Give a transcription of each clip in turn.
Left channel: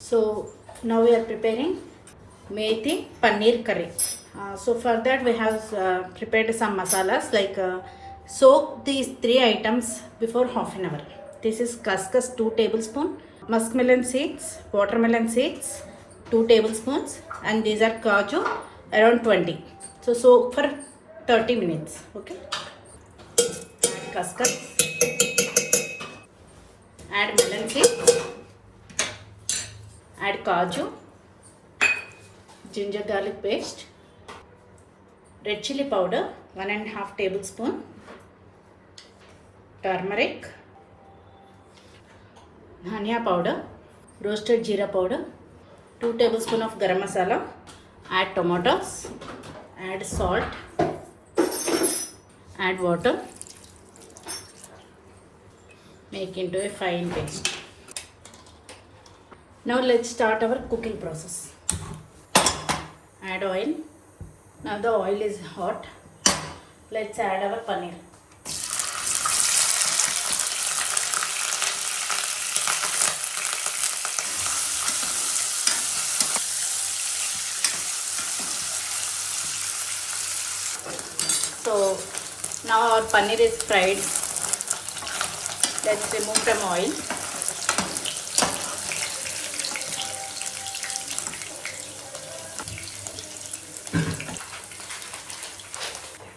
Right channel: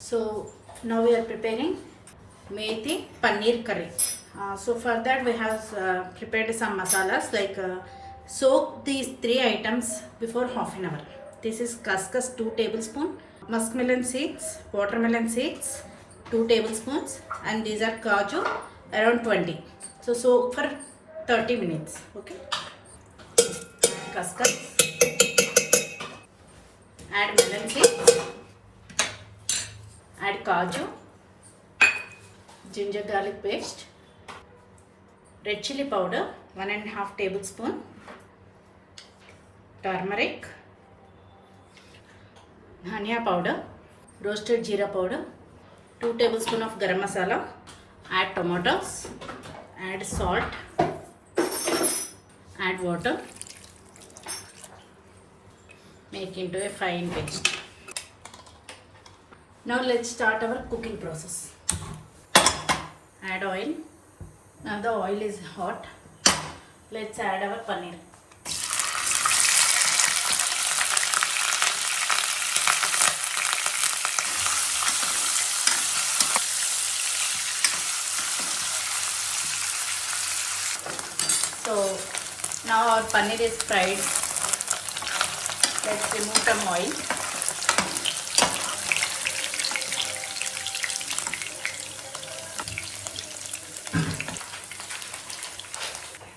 So now we are preparing Methi Paneer curry. So for that we have prepared some masalas like soak these three items before half an hour. This is kaskas 2 tablespoons, muskmelon seeds, watermelon seeds 2 tablespoons, and these are kaju around 20. So soak for 30 minutes. Okay. Add kaskas, add melon seeds, add kaju, ginger garlic paste, red chili powder 1.5 tablespoon, turmeric, dhania powder, roasted jeera powder, 2 tablespoon of garam masala, add tomatoes, add salt, add water, make into a fine paste. Now let's start our cooking process. Add oil. Now the oil is hot. Let's add our paneer. So now our paneer is fried. Let's remove some oil.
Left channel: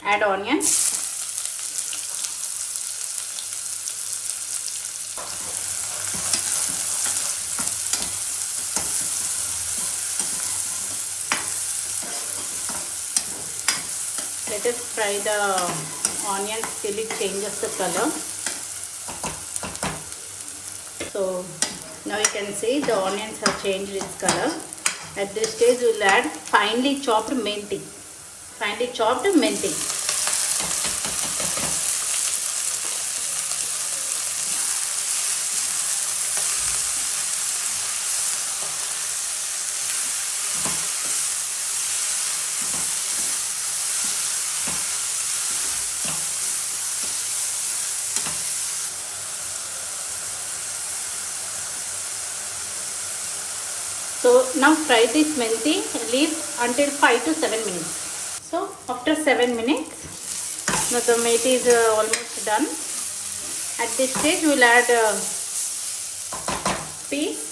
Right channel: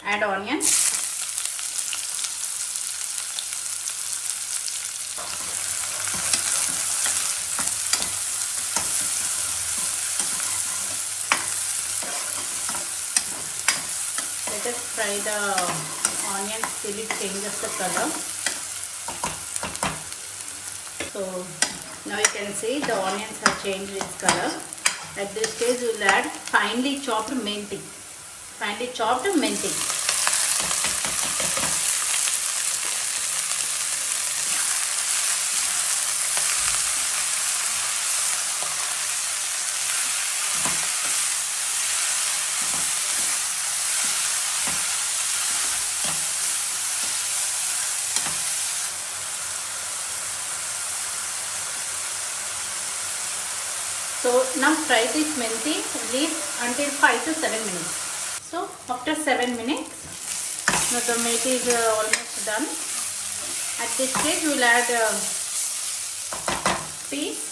Add onion, let us fry the onions till it changes the color. So now you can see the onions have changed its color. At this stage we will add finely chopped methi. So now fry this methi leaf until 5 to 7 minutes. So after 7 minutes, the methi is almost done. At this stage, we will add peas,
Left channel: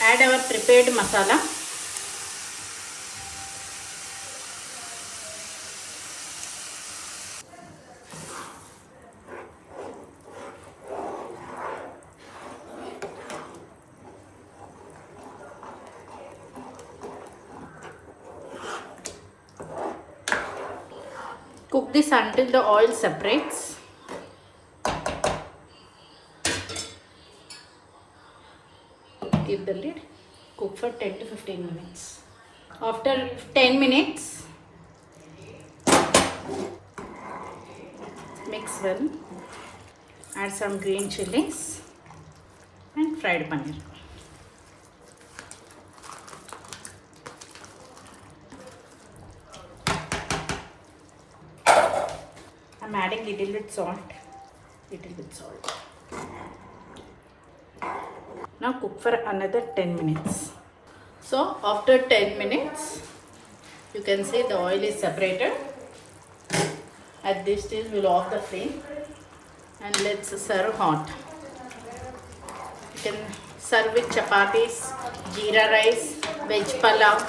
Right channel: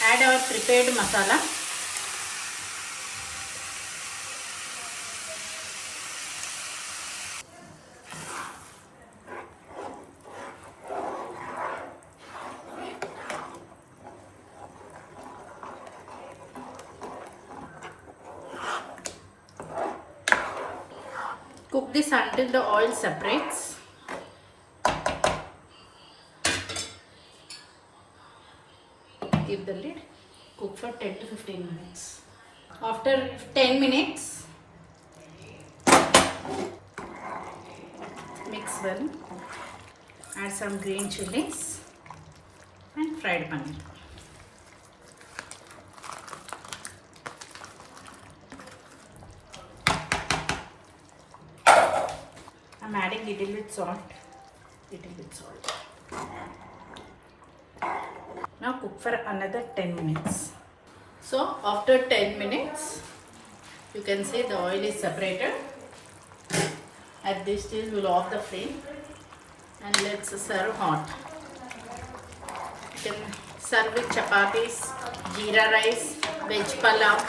add our prepared masala. Cook this until the oil separates. Keep the lid. Cook for 10 to 15 minutes. After 10 minutes, mix well. Add some green chilies and fried paneer. I'm adding little bit salt. Now cook for another 10 minutes. So after 10 minutes, you can see the oil is separated. At this stage, we'll off the flame and let's serve hot. You can serve with chapatis, jeera rice, veg palav,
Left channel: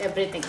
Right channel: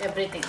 everything.